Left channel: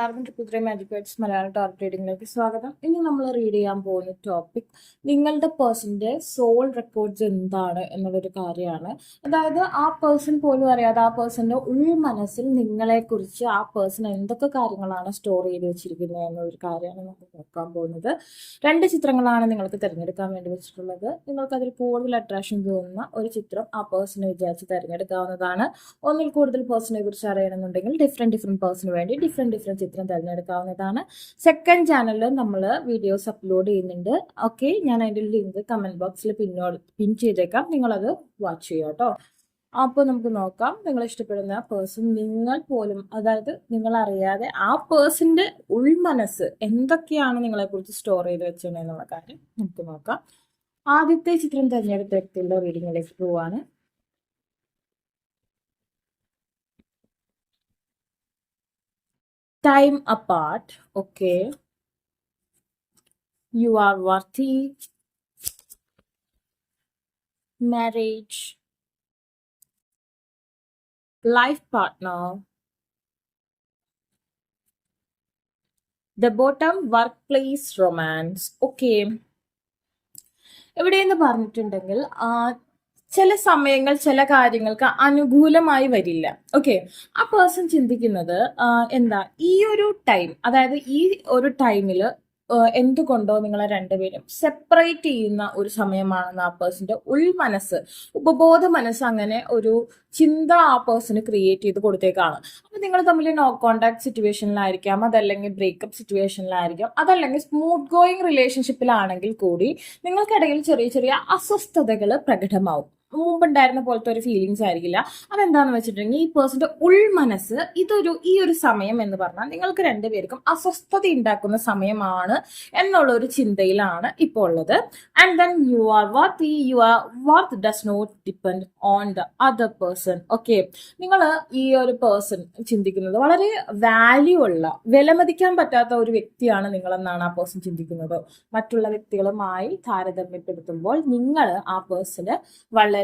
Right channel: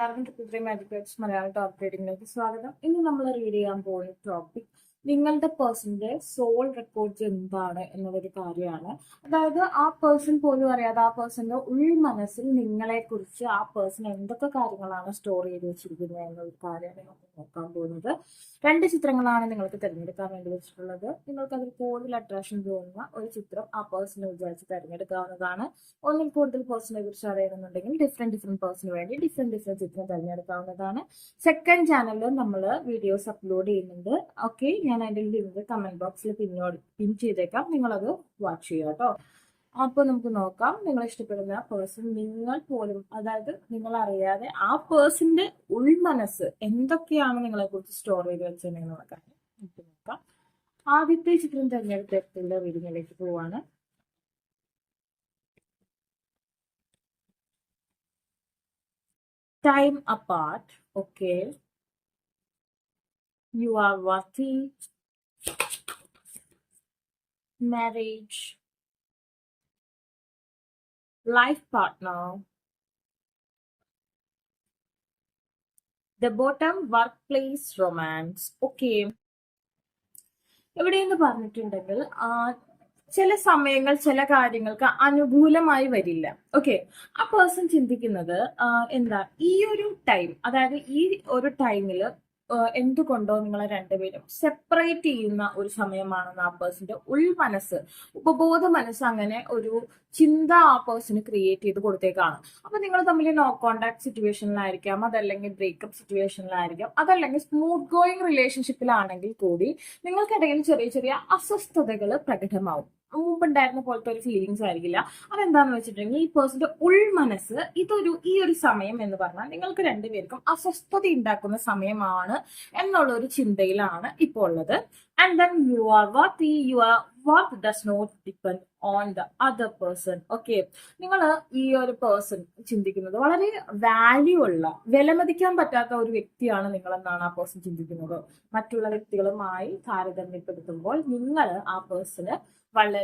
എല്ലാവർക്കും triple magic words Malayalam target റീഡിങ്ങിലേക്ക് സ്വാഗതം. ഇനി നമ്മൾ റീഡ് ചെയ്യാൻ പോകുന്ന ടോപ്പിക് നിങ്ങളുടെ പേഴ്സന്റെ സോൾ റെക്കോർഡ്സ് എന്താണ് എന്നുള്ളൊരു കാര്യമാണ്. അതായത് ആ പേഴ്സൺ പോലും അറിയാതെ ആ പേഴ്സന്റെ ഉൾമനസ്സിൽ നിങ്ങളെക്കുറിച്ച് ആ പേഴ്സൺ എന്തൊക്കെ കാര്യങ്ങളാണ് സ്റ്റോർ ചെയ്ത് വെച്ചിരിക്കുന്നത് എന്നൊരു കാര്യമാണ് നമുക്ക് നോക്കാൻ പോകുന്നത്. 2 ചിത്രങ്ങളാണ് നിങ്ങൾക്ക് തിരഞ്ഞെടുക്കാൻ വേണ്ടി വെച്ചിട്ടുള്ളത്. നിങ്ങൾക്ക് അതിൽ കൂടുതൽ അട്രാക്ഷൻ തോന്നുന്ന ഒരു ചിത്രം ആ പേഴ്സണെ വിചാരിച്ച് തിരഞ്ഞെടുക്കാവുന്നതാണ്. ഒന്നിൽ കൂടുതൽ പേഴ്സണെ കുറിച്ച് അറിയണമെന്നുണ്ടെങ്കിൽ ഡിഫറെന്റ് പേഴ്സണിന് വേണ്ടി ഡിഫറെന്റ് ചിത്രം തിരഞ്ഞെടുക്കാവുന്നതാണ്. സെക്കൻഡ് ചാനലിൽ നമ്മൾ വീഡിയോസ് അപ്ലോഡ് ചെയ്യുന്നുണ്ട്. ഓക്കെ, ഞാൻ അതിൻ്റെ ലിങ്ക് കമന്റ് ബോക്സിൽ പിൻ ചെയ്തേക്കാം. നിങ്ങളത് വാച്ച് ചെയ്യുക കേട്ടോ. അപ്പോൾ നമുക്ക് നോക്കാം, നിങ്ങൾ ഇഷ്ടപ്പെടുന്ന പേഴ്സൺ നിങ്ങൾ പോലും, അതായത് നിങ്ങൾ അറിയാതെ ആ പേഴ്സന്റെ ഉൾമനസ്സ് എന്തൊക്കെയാണ് നിങ്ങളെ കുറിച്ച് സ്റ്റോർ ചെയ്ത് വെച്ചതെന്നുള്ള കാര്യം നമുക്ക് നോക്കാം. ആദ്യത്തെ ചിത്രം തിരഞ്ഞെടുത്ത വ്യക്തിയുടെ റീഡിങ്ങിലേക്ക് പോവാണ്. Time apart, okay. You are worthy. Marriage. Life partner. The bottom, workplace romance. Okay. എവിടെയെന്ന് പറഞ്ഞിട്ടുണ്ടെങ്കിൽ ചില സമയങ്ങൾ ചില കാര്യങ്ങൾക്ക് അനുകൂലമായി വരില്ല. ഓക്കെ, ആ പേഴ്സൺ ചിന്തിക്കുന്നത് എന്താ, ഈ ഒരു ടൈം, അതായത് ഈ ഒരു ടൈമിൽ എന്തുകൊണ്ടോ നിങ്ങളെ രണ്ടുപേരും സെപ്പറേറ്റ് ചെയ്യുന്ന ഒരു സമയമാണെന്ന് ആ പേഴ്സന്റെ ഉൾമനസ്സ്, ഉപബോധ മനസ്സ് അങ്ങനെ ഒരു ചിന്ത ആ പേഴ്സണ് ക്രിയേറ്റ് ചെയ്ത് കൊടുത്തേക്കാണ്. അപ്പൊ നിങ്ങൾ തമ്മിൽ നോ കോണ്ടാക്ട് സിറ്റുവേഷനിലായിരിക്കാം, അതല്ലെങ്കിൽ ബ്രേക്കപ്പ് സിറ്റുവേഷനിലായിരിക്കാം, അതല്ലെങ്കിൽ സ്മൂത്ത് ഗോയിങ് റിലേഷൻഷിപ്പിലാണെങ്കിൽ കൂടി നിങ്ങൾക്കിടയിൽ ചെറിയ ചെറിയ അസ്വസ്ഥതകൾ പ്രകടമാവും. മുമ്പുണ്ടായിരുന്ന പോലത്തെ ഒരു ഫീലിങ്സ് ആയിരിക്കില്ല. അതെന്താന്ന് വെച്ചിട്ടുണ്ടെങ്കിൽ ഈ പേഴ്സന്റെ ഉൾമനസ്സ് ഈ ഒരു സമയം എന്ന് പറഞ്ഞാൽ നിങ്ങൾക്ക് രണ്ടുപേർക്കും അസ്വസ്ഥത ഉണ്ടാക്കുന്ന സമയമാണ് എന്നുള്ള ഒരു ചിന്തയിലാണ് ഇപ്പോൾ ഉള്ളത്. And then your worth does not depend on the other person. Okay, നിങ്ങൾ ഈ ഒരു പേഴ്സൺ ചിന്തിക്കുന്നത് വളരെ വാല്യൂ ഉള്ള, വിലമതിക്കാൻ പറ്റാത്ത ഒരു വ്യക്തിയാണ് നിങ്ങളെന്നാണ് ആ പേഴ്സൺ ചിന്തിക്കുന്നത്. മറ്റുള്ള വ്യക്തികളുമായി താരതമ്യപ്പെടുത്തുമ്പോൾ നിങ്ങൾ ആ പേഴ്സണ് വളരെ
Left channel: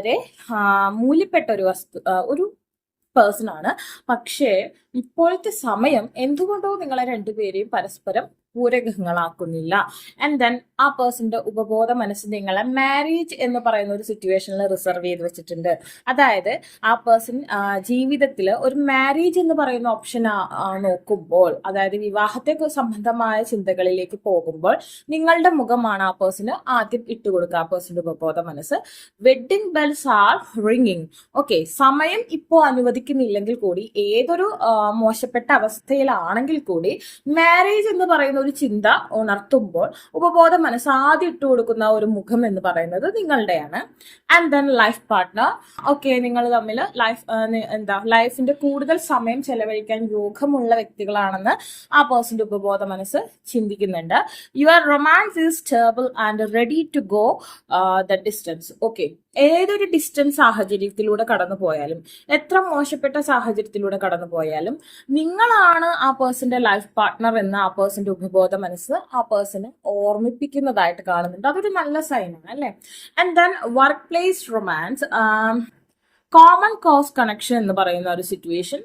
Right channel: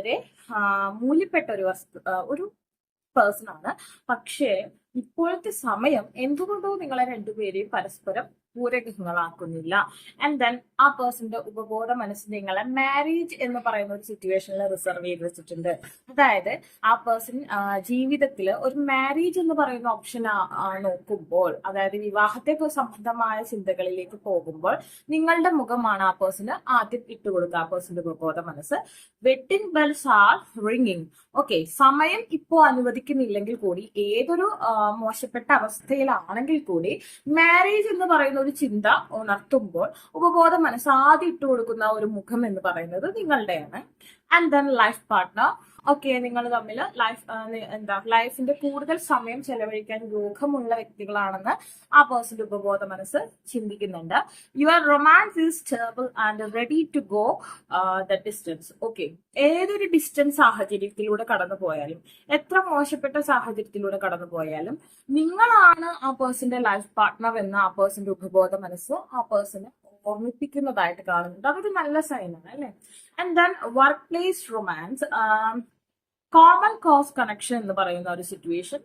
മൂല്യപ്പെട്ട ഒരു പേഴ്സൺ ആണ്. പക്ഷേ ഇപ്പോഴത്തെ സമയം എന്തുകൊണ്ടോ നിങ്ങളെ രണ്ടുപേരെയും പരസ്പരം പൂരകങ്ങളാക്കുന്നില്ല. ആൻഡ് ദെൻ ആ പേഴ്സന്റെ ഉപബോധ മനസ്സ് നിങ്ങളെ മാരേജ് എന്ന് പറയുന്ന ഒരു സിറ്റുവേഷനിൽ റിസർവ് ചെയ്ത് വെച്ചിട്ടുണ്ട്. അതായത് ആ പേഴ്സൺ ജീവിതത്തിൽ ഒരു മാരേജ് എന്ന് പറയുന്ന ഓപ്ഷൻ നോക്കുമ്പോൾ, അതായത് വിവാഹത്തെ സംബന്ധമായ ചിന്തകളിലേക്ക് പോകുമ്പോൾ നിങ്ങളുടെ മുഖമാണ് ആ പേഴ്സണ് ആദ്യം ഇട്ടുകൊടുക്കുക. ആ പേഴ്സന്റെ ഉപബോധ മനസ്സ് wedding bells are ringing. Okay, സമയം ഇപ്പോൾ അനുവദിക്കുന്നില്ലെങ്കിൽ കൂടി, ഏതൊരു മോശപ്പെട്ട അവസ്ഥയിലാണെങ്കിൽ കൂടി മാരേജ് എന്ന് പറയുന്ന ഒരു ചിന്ത ഉണർത്തുമ്പോൾ ഉപബോധ മനസ്സ് ആദ്യം ഇട്ട് കൊടുക്കുന്ന ഒരു മുഖം എന്ന് പറയുന്നത് നിങ്ങളുടെയാണ്. And then life partner. Okay, നിങ്ങൾ തമ്മിൽ ലൈഫിന്റെ കൂടുതൽ സമയം ചെലവഴിക്കാൻ യോഗമുള്ള വ്യക്തികളാണെന്ന് ആ പേഴ്സന്റെ ഉപബോധ മനസ്സ് ചിന്തിക്കുന്നുണ്ട്. Your romance is stable and ready to go the distance. Okay, ഏതൊരു ഡിസ്റ്റൻസ് സാഹചര്യത്തിലൂടെ കടന്നു പോയാലും, എത്ര മോശപ്പെട്ട സാഹചര്യത്തിലൂടെ കടന്നു പോയാലും നിങ്ങളാണ് ആ പേഴ്സന്റെ ലൈഫ് പാർട്ട്ണർ എന്ന് ആ പേഴ്സന്റെ ഉപബോധ മനസ്സ് ആ പേഴ്സണ് ഓർമ്മിപ്പിക്കുന്നതായിട്ട് കാണുന്നുണ്ട്. അതൊരു നല്ല സൈനാണ് അല്ലെ. And then work place romance, common cause connection എന്ന് പറയുന്ന ഒരു സിറ്റുവേഷൻ.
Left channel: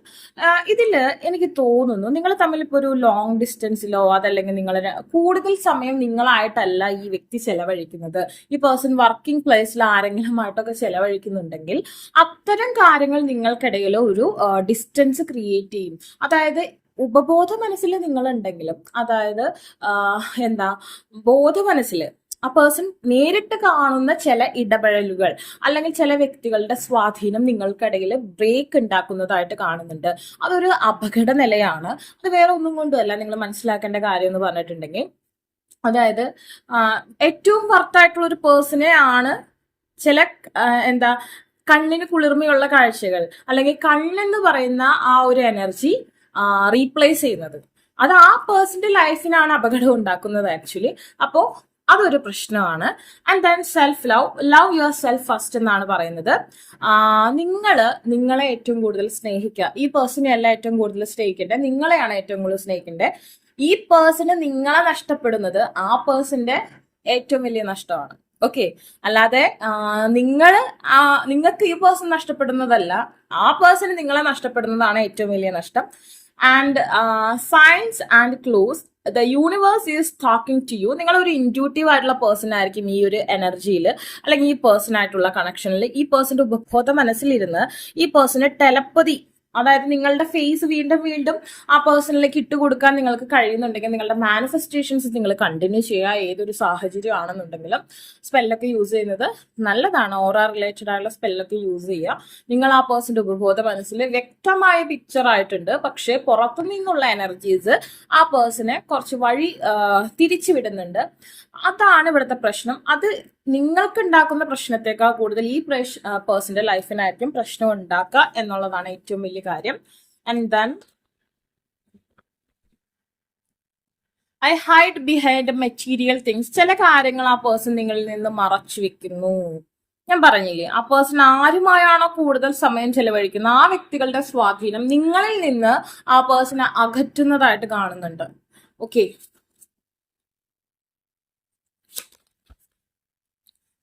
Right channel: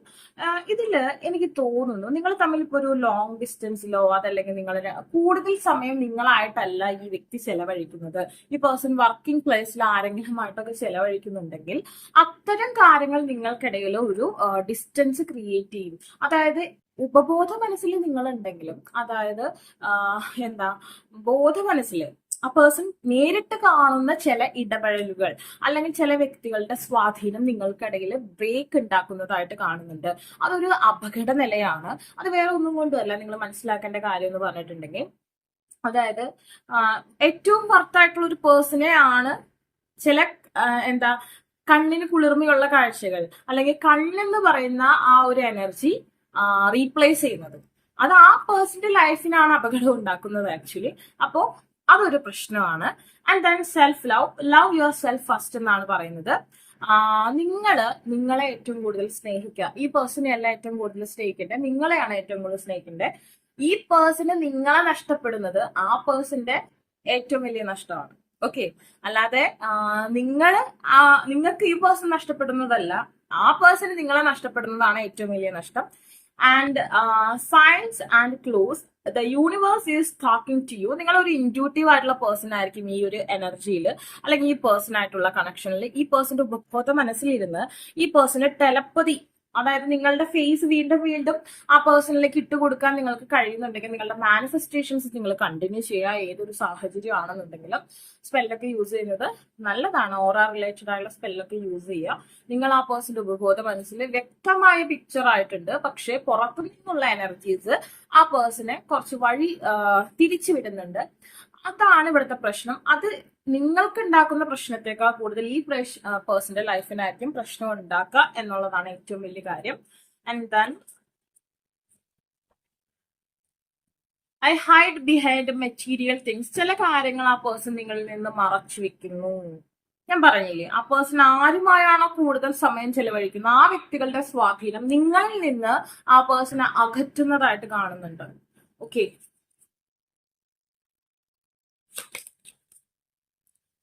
ഇതിൽ എനിക്ക് തോന്നുന്നു നിങ്ങൾ തമ്മിൽ ഇപ്പോൾ ഒരു ലോങ് ഡിസ്റ്റൻസിലോ അതല്ലെങ്കിൽ നിങ്ങൾ കൂടുതൽ സമയം നിങ്ങളായിട്ടല്ല ഈ വ്യക്തി ചെലവഴിക്കുന്നത്, ഈ പേഴ്സൺ വർക്കിംഗ് പ്ലേസിൽ ആരെങ്കിലുമായിട്ടൊക്കെ ചെലവഴിക്കുന്നുണ്ടെങ്കിൽ അത്തരം കാര്യങ്ങൾ നിങ്ങൾക്കിടയിൽ ഒരു ഡിസ്റ്റൻസ് ക്രിയേറ്റ് ചെയ്യും. അതായത് ഉപബോധ മനസ്സിൽ നിങ്ങളുണ്ടെങ്കിലും, അതായത് ബോധ മനസ്സിൽ ആ പേഴ്സൺ നേരിട്ട് കാണുന്ന ചില ഇടപെടലുകൾ അല്ലെങ്കിൽ ചില വ്യക്തികളുടെ സ്വാധീനം നിങ്ങൾക്കിടയിൽ ബ്രേക്ക് ഉണ്ടാക്കുന്നതായിട്ട് കാണുന്നുണ്ട്. അതൊരു അപകട നിലയാണ്. അത് വേറെ ഒന്നും കൊണ്ടുമല്ല. നിങ്ങൾ മനസ്സിലാക്കേണ്ട കാര്യം എന്ന് പറഞ്ഞിട്ടുണ്ടെങ്കിൽ, അതായത് ഏറ്റവും വർത്തായിട്ടുള്ള ഒരു പേഴ്സണെ ആണ് ചില കണ്ണിന് കുളിർമയുള്ള കാഴ്ചകൾ അല്ലെങ്കിൽ കണ്ണെന്ന് പറയുന്ന ആ ഒരു എനർജി റീപ്ലേസ് ചെയ്യുന്നത്. അത് ആ പേഴ്സന്റെ ലൈഫിനാണ് അപകടം ഉണ്ടാക്കുന്നത് ആക്ച്വലി. അപ്പോൾ അതൊരു പ്രശ്നമാണ്. And then self love your self first എന്നാണ് പറയുന്നത്. നിങ്ങളെ ഏറ്റവും കൂടുതൽ സ്നേഹിക്കുക. ഈ പേഴ്സണെ അല്ല ഏറ്റവും കൂടുതൽ സ്നേഹിക്കേണ്ടത്, നിങ്ങളെയാണ് ഏറ്റവും കൂടുതൽ സ്നേഹിക്കേണ്ടത്. ഈ പേഴ്സണ് നിങ്ങളെ നഷ്ടപ്പെടുന്നത് ആ പേഴ്സന്റെ ഏറ്റവും വലിയ നഷ്ടമാണ്. ഓക്കെ, അല്ലാതെ നിങ്ങൾക്ക് ഈ പേഴ്സൺ നഷ്ടപ്പെടുന്നതല്ല, ആ പേഴ്സൺ നിങ്ങളെ നഷ്ടപ്പെടുന്നതാണ് ഏറ്റവും വലിയ നഷ്ടം. And science and clues the universe is talking to you. നിങ്ങൾ ഒരു ഇൻറ്റ്യൂട്ടീവ് ആയിട്ടുള്ള പേഴ്സൺ ആയിരിക്കും ഈ ഒരു എനർജിയിൽ, അല്ലെങ്കിൽ ഈ പേഴ്സൺ ആയിട്ടുള്ള കണക്ഷനിൽ. ഈ പേഴ്സന്റെ ഉപബോധ മനസ്സിലിരുന്ന് ഈ പേഴ്സണ് ടെലപ്പതി, അതായത് നിങ്ങളുടെ ഫേസ് വീണ്ടും വീണ്ടും ആ പേഴ്സണിലേക്ക് ഇട്ടുകൊടുക്കാൻ നിങ്ങൾക്ക് കഴിയുന്നുണ്ടെങ്കിൽ നിങ്ങളുടെ മാനിഫെസ്റ്റേഷൻസ് നിങ്ങൾ കണ്ടിന്യൂ ചെയ്യുക. ഏതൊരു സാഹചര്യം ആണെന്നുണ്ടെങ്കിലും സ്പെല്ലൊക്കെ യൂസ് ചെയ്യുന്നത് നല്ലതാണ്. ഓറാ റിലേറ്റഡ് ആയിട്ടുള്ള സ്പെല്ലൊക്കെ യൂസ് ചെയ്യുക. നിങ്ങൾ ആ പേഴ്സന്റെ ഉപബോധ മനസ്സിൽ വ്യക്തമായ പിക്ചർ ആയിട്ടുണ്ട്, പക്ഷെ പുറത്തു നിന്നുള്ള എനർജീസ് ആ പേഴ്സണെ കുറച്ച് വഴി തിരിച്ചു വിടുന്നുണ്ട്. അതാണ് ഇവിടുത്തെ പ്രശ്നം. അത് നിങ്ങൾക്ക് ഉണ്ടാക്കുന്ന പ്രശ്നത്തെക്കാൾ കൂടുതൽ ഈ പേഴ്സന്റെ ലൈഫിനായിരിക്കും പ്രശ്നം ഉണ്ടാക്കുക എന്നുള്ളതാണ് ഏറ്റവും വലിയ കാര്യം. And then I hide behind material things. ചില കാര്യങ്ങൾ ആ പേഴ്സൺ നിങ്ങളിൽ നിന്ന് മറച്ചു വെക്കുന്നു. ഞാൻ പറഞ്ഞില്ലേ, ആ പേഴ്സൺ ആരുമായാണോ കൂടുതൽ സമയം ചെലവഴിക്കുന്നത് ആ വ്യക്തികളുടെ സ്വാധീനം നിങ്ങളിൽ നിന്ന് ആ പേഴ്സണെ അകറ്റുന്നതായിട്ട് കാണുന്നുണ്ട്. Okay,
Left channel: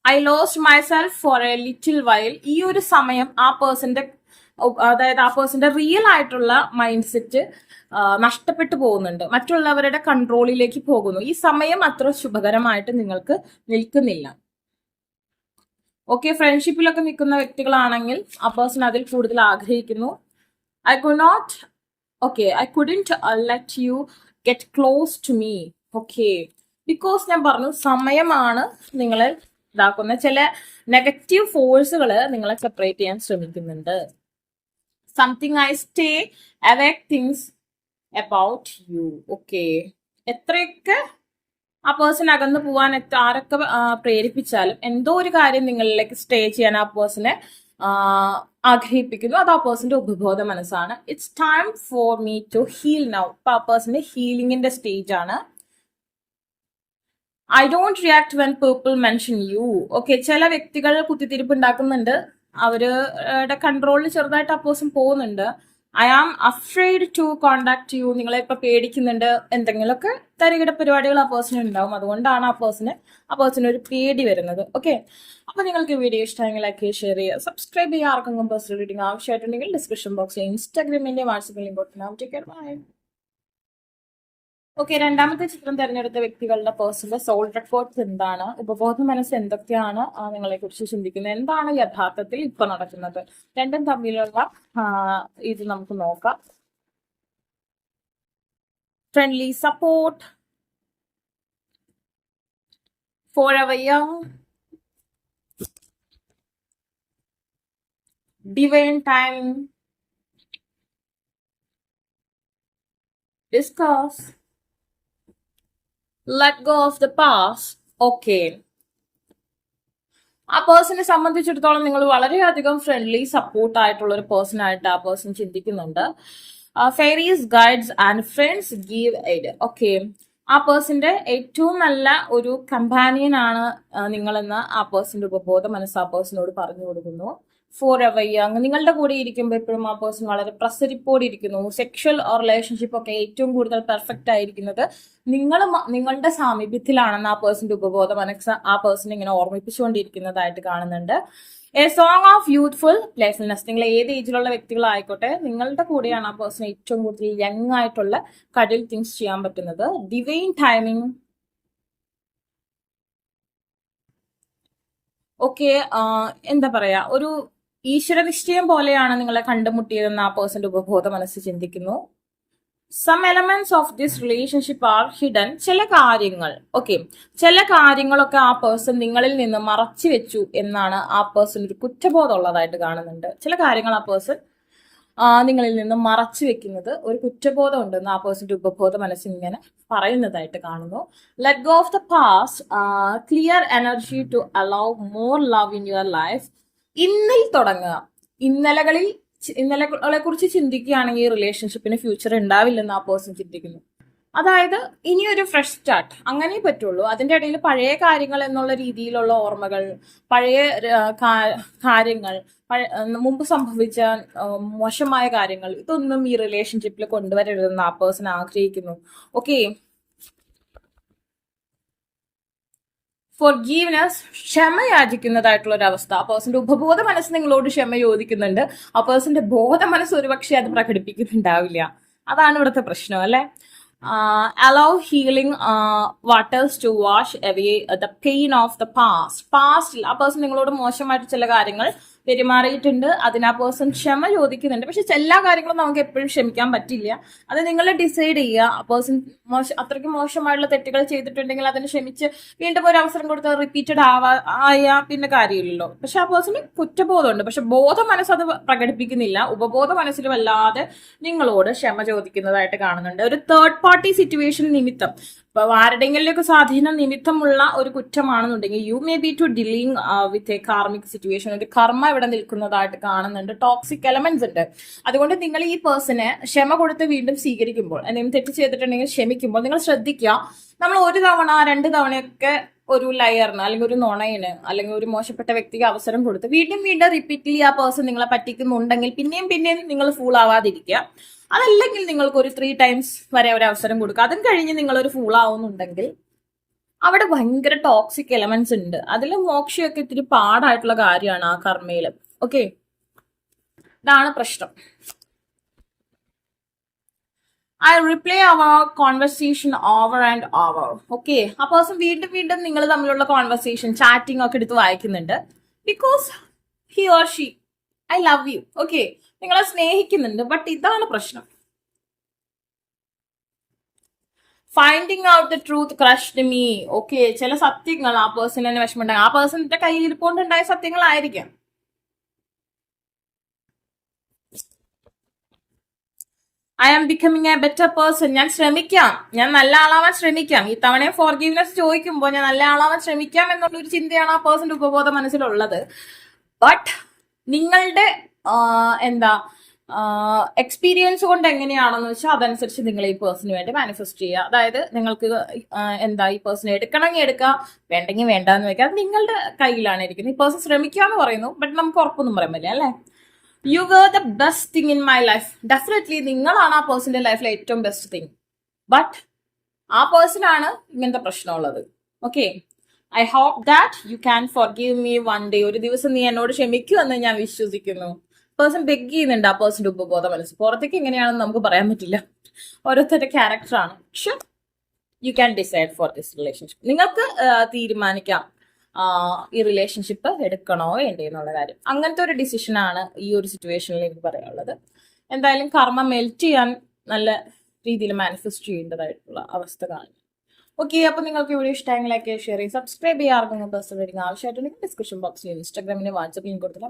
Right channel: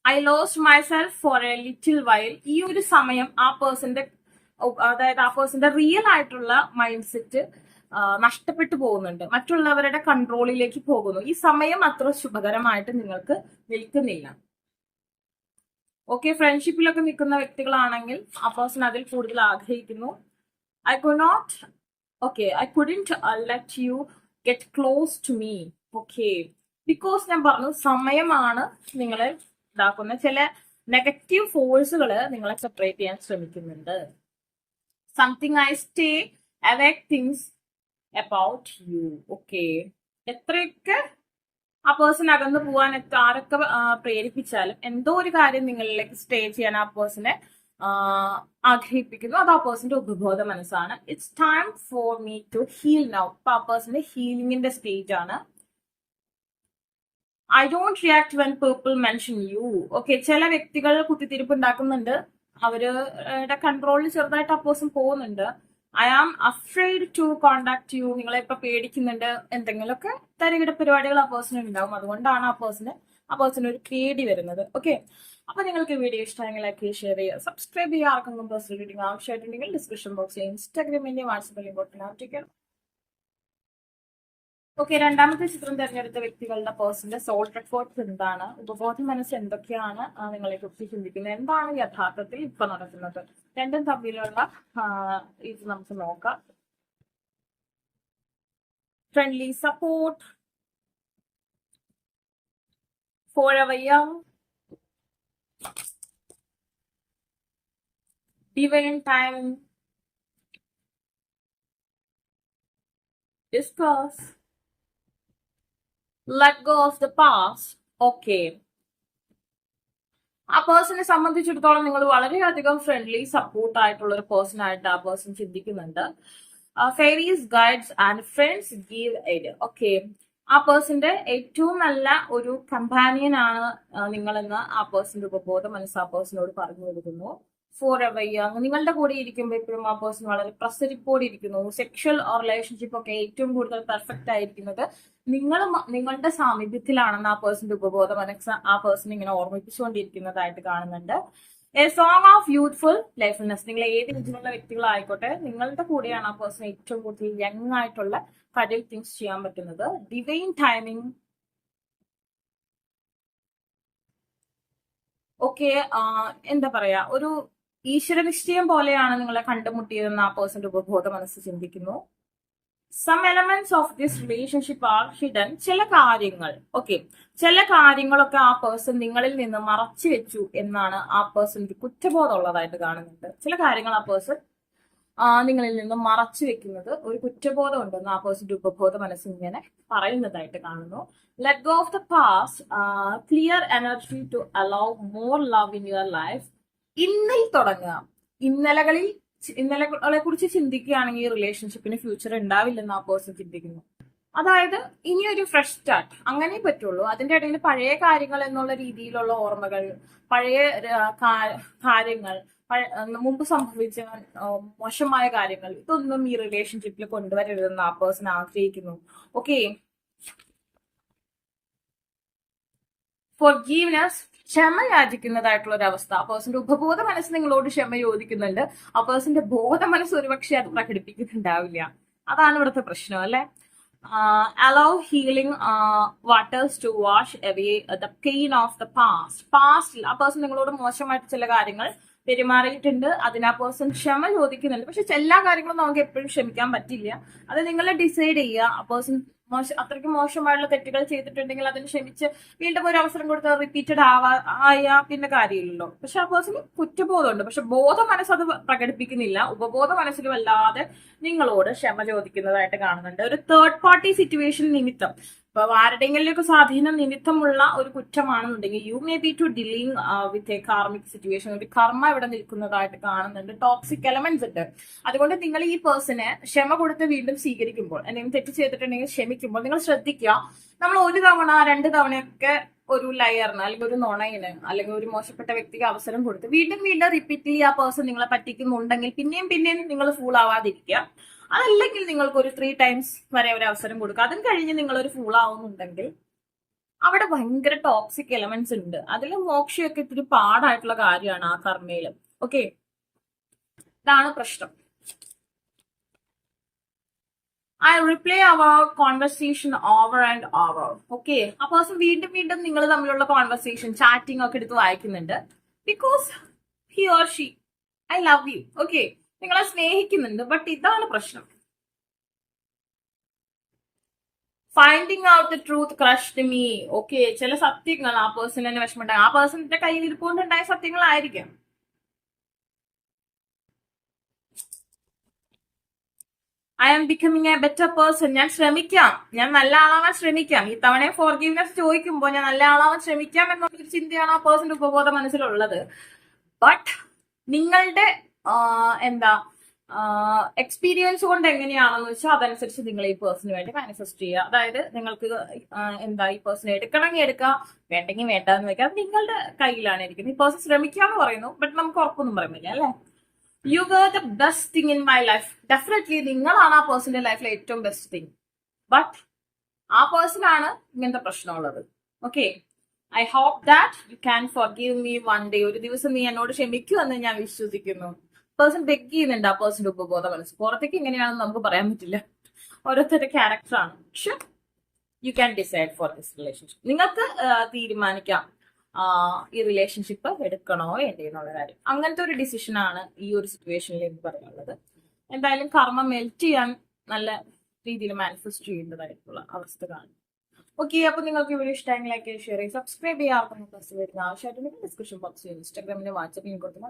I lost myself for a little while. ഈ ഒരു സമയം ആ പേഴ്സന്റെ, അതായത് ആ പേഴ്സന്റെ റിയൽ ആയിട്ടുള്ള മൈൻഡ് സെറ്റ് നഷ്ടപ്പെട്ടു പോകുന്നുണ്ട്, മറ്റുള്ളവരുടെ കൺട്രോളിലേക്ക് പോകുന്നു. ഈ സമയം അത്ര ശുഭകരമായിട്ട് നിങ്ങൾക്ക് നിൽക്കുന്നില്ല. ഓക്കെ, ഫ്രണ്ട്ഷിപ്പിലൊക്കെ നിൽക്കുന്ന വ്യക്തികളാണെങ്കിൽ ആ പേഴ്സൺ അതിൽ കൂടുതൽ ആഗ്രഹിക്കുന്നു. I could not, okay, I couldn't let you get close to me. Okay, because ഞാൻ പറഞ്ഞു സമയമാണ് നിങ്ങളെ ഇതാക്കുന്ന ചില നെഗറ്റീവ് ഫോഴ്സുകൾ നിങ്ങളെ സെപ്പറേറ്റ് ചെയ്യാൻ ശ്രമിക്കുന്നുണ്ട്. Something I stay അവേക്ക് things about you. Okay, എത്രയൊക്കെ ആ പേഴ്സൺ അകന്നു പോവാൻ ആരൊക്കെ പ്രേരിപ്പിച്ചാലും എന്തോ ഒരു കാര്യം നിങ്ങളിലേക്ക് സ്റ്റേ ചെയ്യാൻ ആ പേഴ്സണെ ആഗ്രഹിപ്പിക്കുന്നു. അത് ആ പേഴ്സന്റെ ഉപബോധ മനസ്സാണ്. It's time for me to heal now. ഇപ്പൊ ആ പേഴ്സന്റെ ഹീലിംഗിന്റെ സ്റ്റേജ് ആണ്. I don't react when people mention you. Okay, ചില വ്യക്തികൾ കുത്തിത്തിരിപ്പ് ഉണ്ടാക്കുന്നുണ്ട്, അവരുടെ കൺട്രോളിൽ ചെറുതായിട്ട് ആ പേഴ്സൺ പോകുന്നുണ്ട്. I am afraid to contact you. നിങ്ങളെ ഇപ്പൊ പേടിക്കുന്നുണ്ട്, എന്തെങ്കിലുമൊക്കെ തരികിട പരിപാടികൾ ആ പേഴ്സൺ ഉണ്ടാവും, അതുകൊണ്ടാണ് ആ പേഴ്സണ് ഒരു പേടി വരുന്നത്. ഓക്കെ, അപ്പൊ നിങ്ങൾക്ക് വീഡിയോ ഇഷ്ടമെങ്കിൽ ലൈക്ക് ഷെയർ ചെയ്യുക, സബ്സ്ക്രൈബ് ചെയ്യുക. ആർക്കെങ്കിലും പേഴ്സണൽ റീഡിംഗ് ആവശ്യമായിട്ടുണ്ടെങ്കിൽ ഡിസ്ക്രിപ്ഷൻ ബോക്സിൽ ഇൻസ്റ്റാഗ്രാമിന്റെ വാട്സപ്പ് ലിങ്ക് കൊടുക്കണം. Take care, bye. ഓക്കെ, രണ്ടാമത്തെ ചിത്രം തിരഞ്ഞെടുത്ത വ്യക്തികളുടെ പേഴ്സണൽ സോൾ റെക്കോർഡ്സ് എന്താണ്, ഉപബോധ മനസ്സ് എന്തൊക്കെയാണ് നിങ്ങളെ കുറിച്ച് ചിന്തിക്കുന്നത്, എന്താണ് യഥാർത്ഥത്തിൽ ഇപ്പൊ നടക്കുന്നത്, രണ്ടും തമ്മിലുള്ള ഇത് നമുക്ക് നോക്കാം. Friendly support, forever young, divine timing, discuss, let go of the past. Okay, ആ പേഴ്സണെ സംബന്ധിച്ചിടത്തോളം നിങ്ങൾ വളരെയധികം ഫ്രണ്ട്ലി സപ്പോർട്ട് ആയിട്ടുള്ള ഒരു പേഴ്സൺ ആയിട്ട് ആ പേഴ്സൺ ചിന്തിക്കുന്നുണ്ട്. Fairies, guides and friends give aid. Okay, ആ പേഴ്സന്റെ ഏറ്റവും നല്ല ഒരു കമ്പാനിയൻ ആണ് നിങ്ങളെന്ന് ആ പേഴ്സന്റെ ഉപബോധ മനസ്സ് ആ പേഴ്സണോട് പറഞ്ഞു കൊടുക്കുന്നു. ഫോർ എവർ യങ്, നിങ്ങളുടെ കൂടെ ഇരിക്കുമ്പോൾ എപ്പോഴും ആ പേഴ്സൺ വളരെ പ്രസരിപ്പോടെ ഇരിക്കുന്നു. സെക്ഷൽ റിലേഷൻഷിപ്പ് ഒക്കെ ഏറ്റവും കൂടുതൽ പെർഫെക്റ്റ് ആയിരിക്കുന്നത് നിങ്ങളുടെ സാമീപ്യത്തിലാണെന്ന് ആ പേഴ്സന്റെ ഉപബോധ മനസ്സ് ആ പേഴ്സൺ ഇങ്ങനെ ഓർമ്മിപ്പിച്ചുകൊണ്ടിരിക്കുന്നതായിട്ട് കാണുന്നുണ്ട്. A song of youthful playfulness. നിങ്ങൾ ഏത് ഏജിലുള്ള വ്യക്തികളായിക്കോട്ടെ, നിങ്ങളുടെ കൂടെയാണ് ആ പേഴ്സൺ ഏറ്റവും കൂടുതൽ യങ് ആയിട്ടുള്ള കഡിൽ തിങ്സ് ചെയ്യാൻ പറ്റുന്നത്. Divine timing. ഓക്കെ, എന്താ പറയാ, ഒരു ഈശ്വര നിശ്ചയം പോലെയാണ് നിങ്ങളെ കണ്ടുമുട്ടിയതെന്ന് ആ പേഴ്സന്റെ ഉപബോധ മനസ്സ് ചിന്തിക്കുന്നു. Some elements of this relationship are hidden. ചില കാര്യങ്ങൾ, ഓക്കെ, ചില കാര്യങ്ങളൊക്കെ ആ പേഴ്സൺ നിങ്ങളിൽ നിന്ന് മറച്ചു വെച്ചു എന്നാണ് ആ പേഴ്സൺ ഒരു കുറ്റബോധം ഉള്ളതായിട്ട് കാണുന്നുണ്ട്. ചില കാര്യങ്ങൾ ആ പേഴ്സൺ നിങ്ങളിൽ നിന്ന് മറച്ചു വെക്കുന്നത് ഒരു കുറ്റബോധം ഉണ്ടെന്ന് ആ പേഴ്സന്റെ ഉപബോധ മനസ്സിൽ ഇങ്ങനെ പറയുന്നതായിട്ട് കാണുന്നു. Let go of the past, clear energy to allow more love in your life. ഇന്നിൽ തുടങ്ങുക. ഇന്നലകളെ കുറിച്ച് ചിന്തിക്കുകയാണെങ്കിൽ ഈ റിലേഷൻഷിപ്പിന് ഫ്യൂച്ചർ ഉണ്ടാവില്ലെന്ന് ആ പേഴ്സൺ ചിന്തിക്കുന്നു. അതായത് ഇനിയൊരു ഫ്രഷ് സ്റ്റാർട്ട് അങ്ങനെ പറ്റുള്ളൂ. അതിന്റെ ഇടയിൽ പഴയ കാര്യങ്ങൾ എന്നുള്ള രീതിയിലുള്ള ഓർമ്മകൾ, പഴയ കാര്യങ്ങൾ, മുമ്പ് സംഭവിച്ച മോശമായ കാര്യങ്ങൾ, ഇതൊന്നും ഈ റിലേഷൻഷിപ്പിൽ കൊണ്ടുവരരുതെന്ന് ആ പേഴ്സൺ ആഗ്രഹിക്കുന്നു. ഓക്കെ, ഫോർഗീവ്നെസ്, ക്ഷമ യാചിക്കുന്നതായിട്ടുള്ള ഒരു അവസ്ഥ. ആ പേഴ്സന്റെ ഉപബോധ മനസ്സ് നിങ്ങളോട് ക്ഷമ ചോദിക്കുന്നുണ്ട്. ആ പേഴ്സന്റെ ബോധ മനസ്സ് ഒരുപക്ഷെ അത് പ്രകടിപ്പിക്കുന്നുണ്ടാവില്ല. അതാണ് ഇവിടുത്തെ പ്രശ്നം അല്ലെ. Allow healing waters to wash away the pain of the പാസ്റ്റിൽ ആ പേഴ്സൺ നിങ്ങളോട് മോശമായിട്ട് ചില കാര്യങ്ങൾ പെരുമാറിയിട്ടുണ്ട്, അതിന് ആ പേഴ്സൺ ക്ഷമ ചോദിക്കുന്നുണ്ട്. പക്ഷെ എല്ലാ കാര്യങ്ങളും നമുക്ക് എപ്പോഴും ക്ഷമിക്കാൻ പറ്റില്ല. അത് നിങ്ങൾ ഡിസൈഡ് ചെയ്യുക. ആ പേഴ്സൺ അത്രയ്ക്ക് മോശമായിട്ടുള്ള തെറ്റുകൾ ചെയ്തിട്ടുണ്ടെങ്കിൽ അതിന് ക്ഷമിച്ച് വീണ്ടും ഒരു അവസരം കൊടുത്ത് റിപ്പീറ്റഡ് ആയാ പിന്നെ കാര്യമില്ലല്ലോ. പക്ഷെ ആ പേഴ്സണ് കുറ്റബോധമുണ്ട്, പക്ഷെ ബോധ മനസ്സ് അത് പ്രകടിപ്പിക്കുന്നില്ല. ഉപബോധ മനസ്സിൽ വല്ലാതെ നിങ്ങളോട് ക്ഷമ ചോദിക്കുന്നതായിട്ട് കാണുന്നുണ്ട്. ഒരു തേർഡ് പാർട്ടി സിറ്റുവേഷൻ നിമിത്തം, ഇപ്പൊ ആരുടെയെങ്കിലൊക്കെ സ്വാധീനം നിമിത്തമുള്ള ഒരു കുറ്റമാണെന്നുണ്ടെങ്കിൽ you may be to dealing with a karmic situation, ഒരു കർമ്മ ഇവിടെ നിൽക്കുന്നതായിട്ട് കാണുന്നുണ്ട്. ടോക്സിക് എലമെന്റ്സ് ഉണ്ട്. അതുകൊണ്ട് നിങ്ങൾ ഈ പേഴ്സണെ ക്ഷമ കൊടുത്ത് വീണ്ടും സ്വീകരിക്കുമ്പോൾ, എന്തെങ്കിലും തെറ്റ് ചെയ്തിട്ടുണ്ടെങ്കിൽ ക്ഷമിക്കുമ്പോൾ നിങ്ങൾ ശ്രദ്ധിക്കുക. നമ്മൾ ഒരു തവണ 2 തവണയൊക്കെ ഒരു ലയറിന് അല്ലെങ്കിൽ ഒരു നുണയിന് അല്ലെങ്കിൽ ഒരു മോശപ്പെട്ട വ്യക്തിക്ക് അവസരം കൊടുത്ത് വീണ്ടും വീണ്ടും റിപ്പീറ്റ്ലി ആ പേഴ്സൺ നിങ്ങളെ പറ്റിക്കുന്നുണ്ടെങ്കിൽ പിന്നെയും നിങ്ങൾ ഫൂൾ ആവാതിരിക്കുക. അതല്ലെങ്കിൽ നിങ്ങൾക്ക് ഒരു 3 times വരെ ഒരു അവസരം കൊടുക്കുക. അതും കഴിഞ്ഞ് നിങ്ങൾ ഒരു ഫൂൾ ആവുന്നുണ്ടെങ്കിൽ അവിടെ ഭയങ്കര ടോക്സിക് എലമെന്റ്സ് ഉണ്ട്. അതിൽ മോക്ഷയൊക്കെ ഇത്തിരി പാടായിട്ടുള്ള കാര്യമാണ് ആ കർമ്മയില്. ഓക്കെ, ഇതാണ് പ്രശ്നം. I reply our conversation over and over. Okay, ആ പേഴ്സൺ വീണ്ടും നിങ്ങൾ തമ്മിലുള്ള കോൺവെർസേഷൻ ചാറ്റിംഗ് ഒക്കെ എടുത്ത് വായിക്കുന്നുണ്ട്. Because he or she I love you. Okay, നിങ്ങളെ സ്നേഹിക്കുന്നുണ്ട്. ബട്ട് ഇതാണ് പ്രശ്നം. Finding out the truth crushed me. Okay, ചില സത്യങ്ങൾ ആ പേഴ്സൺ തന്നെ വിഷമമുണ്ടാകും. ആ പേഴ്സണിന്റെ കയ്യിൽ ഇരിപ്പോണ്ടുണ്ടായ സത്യങ്ങളായിരിക്കാം. I am becoming a better person. ഞാൻ ശ്രമിക്കാം, ഞാൻ നല്ല ആളാവാൻ ശ്രമിക്കാം. ഈ തവണ ഫോർഗീവ്നെസ് ചോദിക്കുമ്പോൾ ഞാൻ നല്ല ആളാവാൻ ശ്രമിക്കാം എന്നുള്ള ഒരു ചിന്തയാണ് ആ പേഴ്സന്റെ ഉപബോധ മനസ്സിലുള്ളത്. ബട്ട് നിങ്ങളുടെ എന്താ എക്സ്പീരിയൻസ് കൊണ്ട് എങ്ങനെയാണെന്ന് വെച്ചാൽ അതനുസരിച്ച് നിങ്ങൾ ഈ പേഴ്സണിന് വേണ്ടി മാനിഫെസ്റ്റ് ചെയ്യുക. അതായത് നിങ്ങൾക്ക് എന്താ ഈ പേഴ്സണെ എടുക്കണമെങ്കിൽ എടുക്കുക, വേണ്ടെങ്കിൽ വേണ്ടെന്ന് വെക്കുക. അത് നിങ്ങളുടെ കയ്യിലാണ് ഇരിക്കുന്നത്. ഈ പേഴ്സൺ ശ്രമിക്കാന്ന് പറയുന്നു, ബട്ട് നമുക്ക് ഉറപ്പൊന്നും പറയാൻ പറ്റില്ല അല്ലെ. You were the best thing in my life. Definitely നിങ്ങളാണ് ആ പേഴ്സന്റെ ലൈഫിലെ ഏറ്റവും ബെസ്റ്റ് തിങ്. ബട്ട് ആ പേഴ്സണാണ് ഇങ്ങനത്തെ പ്രശ്നമുള്ളത്. Okay, I hope that you can forgive me one day. ഒരു ദിവസം നീ എന്നോട് ക്ഷമിക്കുമെന്ന് ഞാൻ വിശ്വസിക്കുന്നു. പേഴ്സൺ ബെഗ് ചെയ്യുന്നുണ്ട് ആ പേഴ്സന്റെ ഉപബോധ മനസ്സ്. പുറത്തേക്ക് എങ്ങനെയാണെന്ന് നമുക്ക് പറയാൻ പറ്റില്ല, ഓരോരുത്തരുടെ ക്യാരക്ടറാണ്. പക്ഷെ you can decide for this relationship. നിങ്ങൾക്ക് തീരുമാനിക്കാം ഈ റിലേഷൻഷിപ്പ് എടുക്കണോ വേണ്ടേ എന്നുള്ള കാര്യം. അങ്ങനത്തെ ഒരു ഡിസിഷനാണ് ഈ ഒരു സിറ്റുവേഷനിൽ എനിക്ക് പറയാനുള്ളത്. എന്തായാലും കർമ്മ മെൽറ്റ് ചെയ്യാൻ നല്ല രീതിയിൽ മാനിഫെസ്റ്റ് ചെയ്യേണ്ടതായിട്ടുള്ള അവസ്ഥ കാണും. ഓക്കെ, അപ്പൊ നിങ്ങൾക്ക് വീഡിയോ ഇഷ്ടമെങ്കിൽ ലൈക്ക് ഷെയർ ചെയ്ത് സബ്സ്ക്രൈബ് ചെയ്യാറുണ്ട്. പേഴ്സണൽ റീഡിംഗ് ആവശ്യമായിട്ടുണ്ടെങ്കിൽ ഡിസ്ക്രിപ്ഷൻ ബോക്സിൽ ഇൻസ്റ്റാഗ്രാമിന് വാട്സ്ആപ്പിൽ കൊടുത്തിട്ട്